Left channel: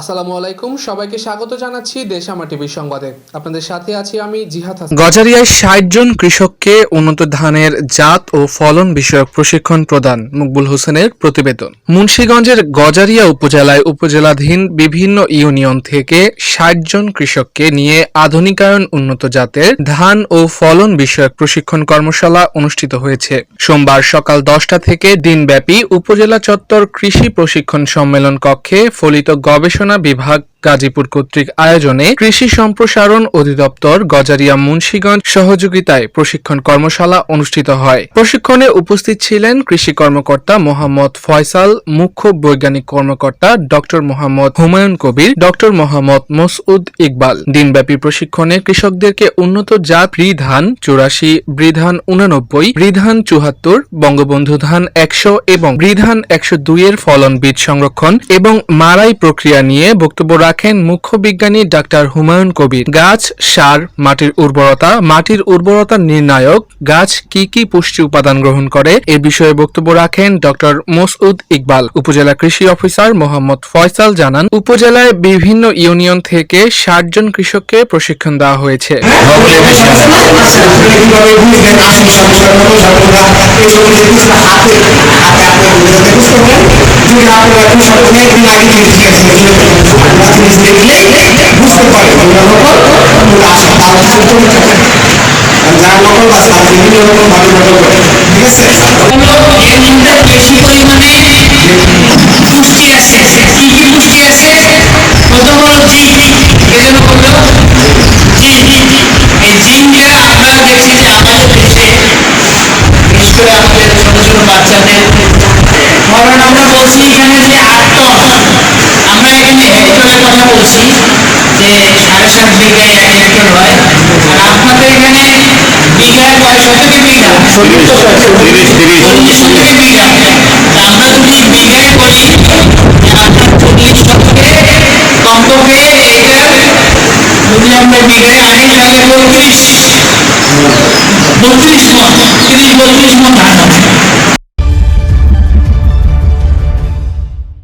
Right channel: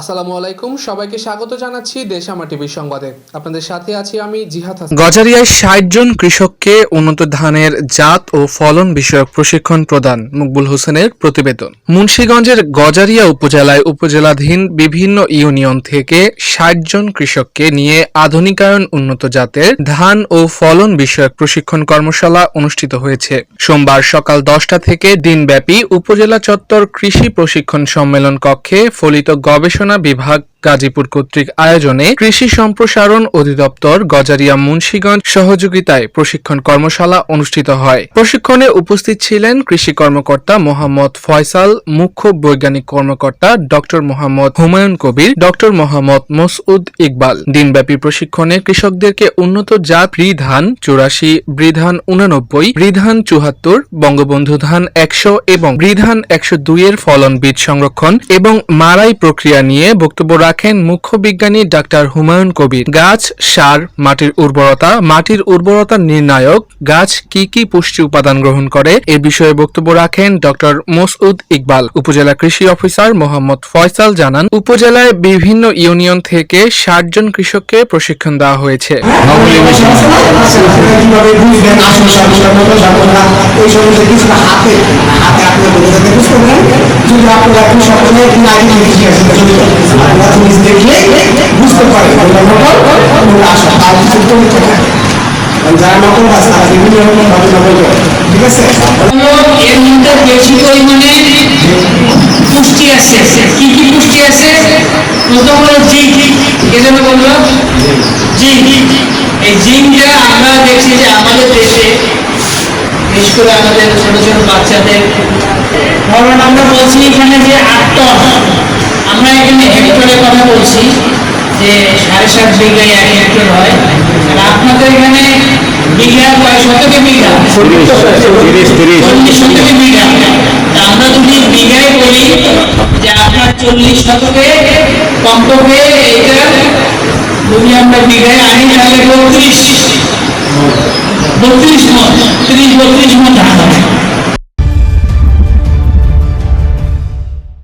আসসালামু আলাইকুম, সবাইকে স্বাগত জানাচ্ছি দেশামা টিভির সংবাদে। আপনাদের সাথে আছি আমি জিহাদ হাসান। গজারিয়ায় ষাট জন কৃষককে উন্নত ধানের জাত ও ফলন বিষয়ক প্রশিক্ষণ প্রদান মকবুল হোসেনের প্রতিবেদন। মুন্সীগঞ্জের গজারিয়া উপজেলায় উপজেলাধীন বিভিন্ন ইউনিয়ন থেকে ষাট জন কৃষককে নিয়ে আধুনিকায়ন উন্নত জাতের ধান ও ফলন বিষয়ক প্রশিক্ষণ কর্মশালা অনুষ্ঠিত হয়েছে। সোমবার সকাল দশটা থেকে দিনব্যাপী উপজেলা চত্বর কৃষি প্রশিক্ষণ সম্মেলন কক্ষে ফলিত গবেষণা বিভাগ গাজীপুর কর্তৃক আয়োজনে কৃষি সম্প্রসারণ অধিদপ্তর, গজারিয়া, মুন্সীগঞ্জ সহযোগিতায় প্রশিক্ষণ কর্মশালা অনুষ্ঠিত হয়। প্রশিক্ষণে উপস্থিত ছিলেন কৃষি কর্মকর্তা মোহাম্মদ ফয়সাল, মুখ্য বৈজ্ঞানিক কর্মকর্তা ডক্টর মোহাম্মদ হুমায়ুন কবির, ডক্টর মোহাম্মদ মসউদ ইকবাল। দিনব্যাপী প্রশিক্ষণে কৃষকদেরকে উন্নত জাত বৃধান চুরাশি, বৃধান উনানব্বই বৃধান চুহাত্তর বঙ্গবন্ধু ধান একশো এবং বৃধান একশো দুইয়ের ফলন বীজ সংরক্ষণ এবং মারাই প্রক্রিয়া নিয়ে বক্তব্য রাখেন। মুখ্য বিজ্ঞানী ডাক্তার হুমায়ুন কবির। গাছ, সার, মাটির উর্বরতা মাটির উর্বরতা নির্ণায়ক, গাছ কি কি পুষ্টি উপাদান গ্রহণ করে এ বিষয়ে বক্তব্য রাখেন ডক্টর মসউদ ইকবাল। উপজেলা কৃষি অফিসার মোহাম্মদ ফয়সাল জানান, উপজেলায় বিভিন্ন ইউনিয়ন থেকে ষাট জন কৃষককে প্রশিক্ষণ দেওয়া হয়েছে। কীভাবে আপনারা কৃষক অনেকদিন আগে ঠিক আছে আপনারা জিনিস দেখলে বুঝতে পারেন আমরা নকল তার যারা নকল বা সারা বিভিন্ন রকম ভাবে নকল ঠিক আছে বেশি পরিমাণে পুষ্টি আছে কি কি পুষ্টি আছে প্রথম হলো জিঙ্ক কে যেন বলল এই জিঙ্কটা আমরা দেখছি যে আমাদের দেশে, বিশেষ করে আমাদের ছোট ছোট বাচ্চাদের সাড়ে সাত বিঘায় এক হেক্টর হয়। আর আপনাদের এখানে বিঘা কয় শতকে বিঘা? চল্লিশ শতকে বিঘা। আমরা যদি বিঘায় বলি যে আপনার চল্লিশ শতকে কমপক্ষে